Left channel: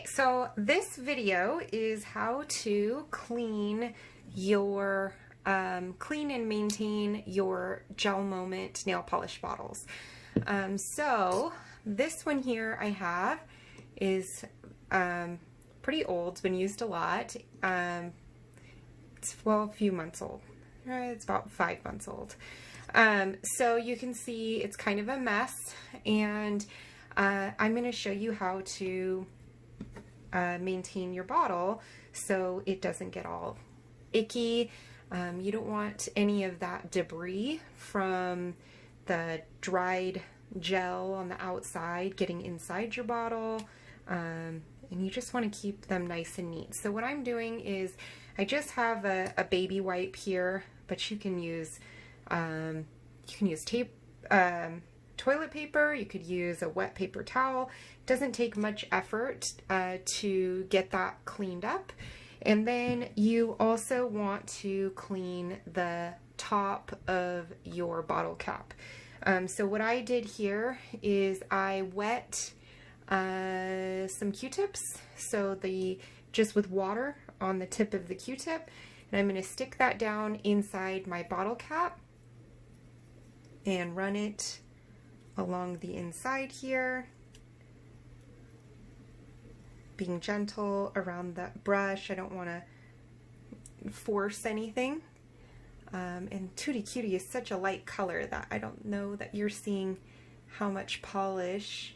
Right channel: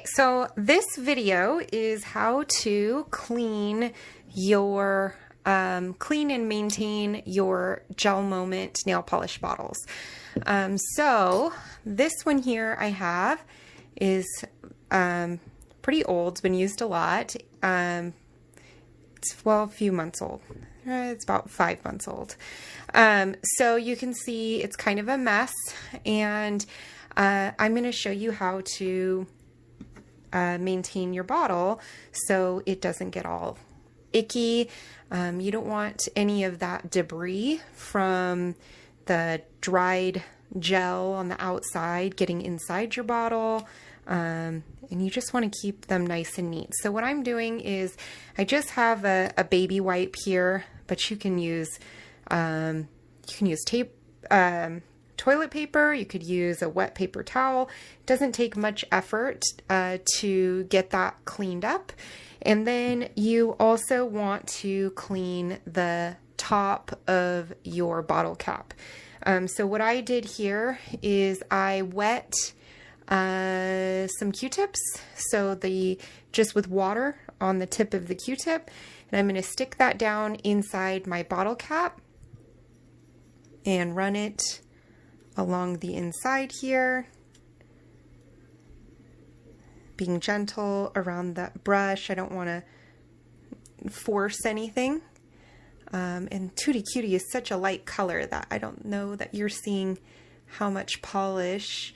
Okay, so this video is how to clean your clean and maintain your Gel Moment nail polish bottles. So this one here I have is pretty old. It's been used a lot. It's a few months old. It's about 5 months old. So you can see it's kind of a mess, and I'm going to show you how to maintain your bottle so it doesn't get all icky. You don't want any of that debris from the dried gel on the outside getting inside your bottle, and you just want to keep them nice and neat. So what I'm doing is I just have a baby wipe here, but you can use tape, toilet paper, you could use a wet paper towel. It doesn't take much effort to get that cleaned up. And then you also want to clean the top of your bottle cap. So what I did here is I wet some Q-tips, so just with water on the tip of the Q-tip, and I'm going to stick that down inside my bottle cap and run it along the inside here, being gentle around that brush. I don't want to force anything. And Tutti Cutie is such a light color that I don't know that you're seeing how much polish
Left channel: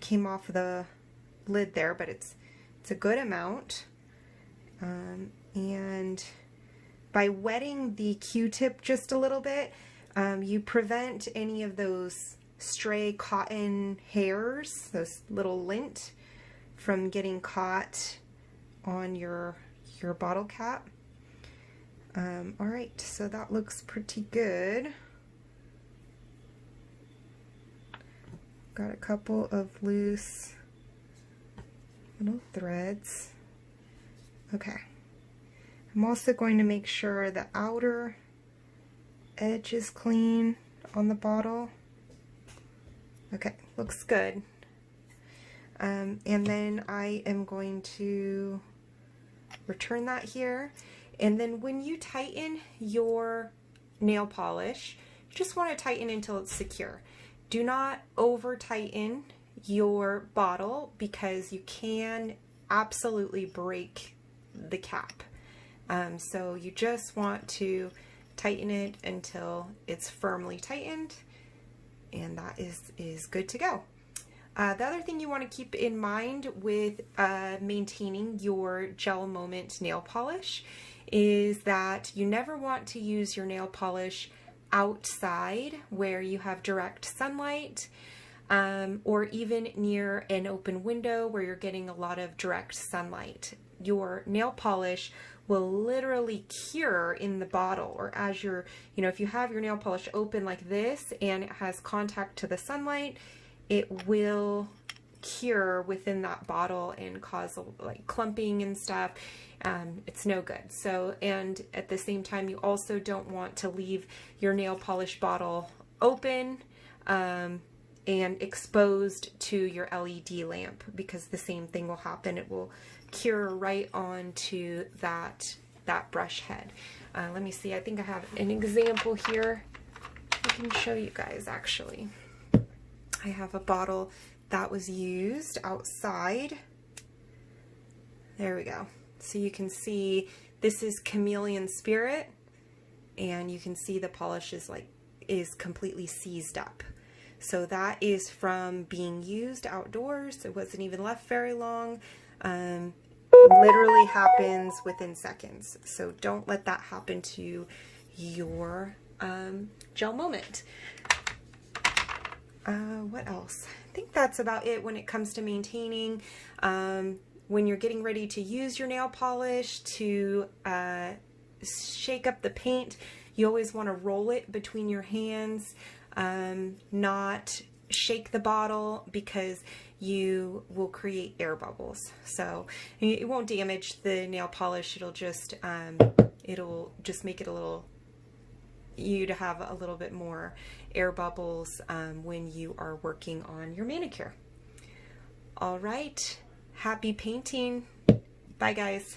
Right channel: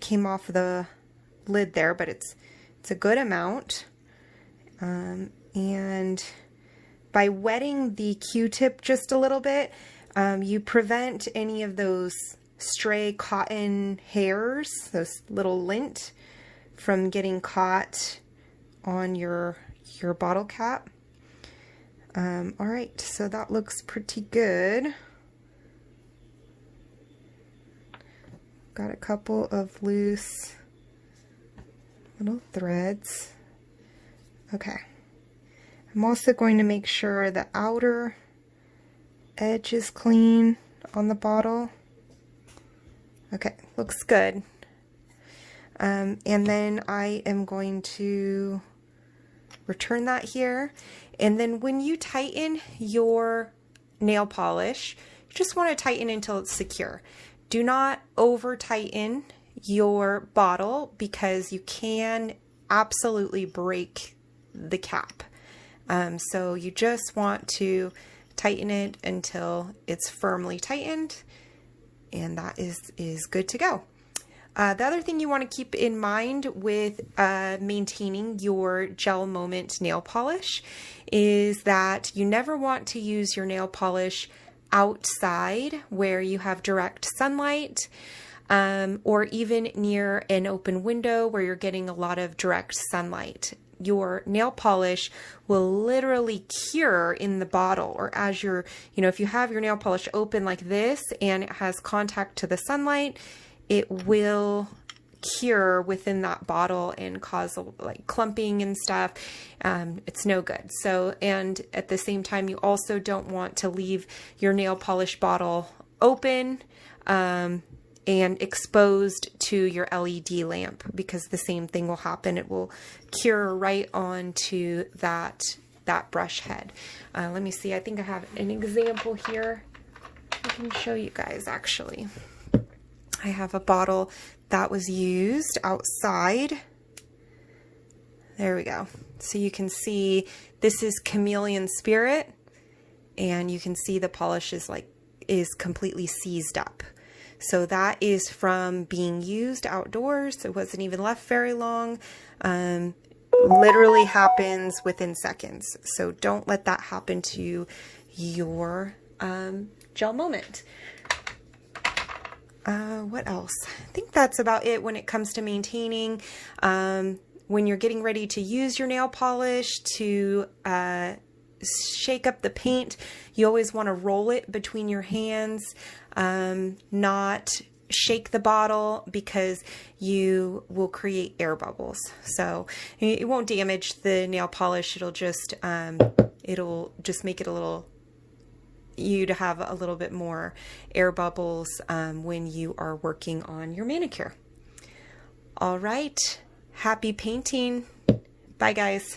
came off the lid there, but it's a good amount. And by wetting the Q-tip just a little bit, you prevent any of those stray cotton hairs, those little lint, from getting caught on your bottle cap. All right, so that looks pretty good. Got a couple of loose little threads. Okay. I'm also going to make sure the outer edge is clean on the bottle. Okay, looks good. And then I am going to return that here. And then when you tighten your nail polish, you just want to tighten until it's secure. Do not over tighten your bottle because you can absolutely break the cap. So you just want to tighten it until it's firmly tightened, and that is good to go. The other thing you want to keep in mind with maintaining your Gel Moment nail polish is that you never want to use your nail polish outside where you have direct sunlight, or even near an open window where you're getting a lot of direct sunlight. Your nail polish will literally cure in the bottle, or as you're, if you have your nail polish open like this and it has contact to the sunlight, it will cure within that bottle and cause like clumping and stuff. It's no good. So, and at the same time, you also don't want to leave your nail polish bottle open and exposed to your LED lamp, because the same thing will happen. It will cure right onto that brush head. Let me see, I think I have an example here. I can show you guys actually. I have a bottle that was used outside. There we go. So you can see this is Chameleon Spirit, and you can see the polish is completely seized up. So that is from being used outdoors. It wasn't even left very long. Literally happens within seconds. So don't let that happen to your Gel Moment. What else? I think that's about it when it comes to maintaining. When you're getting ready to use your nail polish to shake up the paint, you always want to roll it between your hands, not shake the bottle, because you will create air bubbles. So it won't damage the nail polish. It'll just make it you to have a little bit more air bubbles when you are working on your manicure. All right. Happy painting. Bye, guys.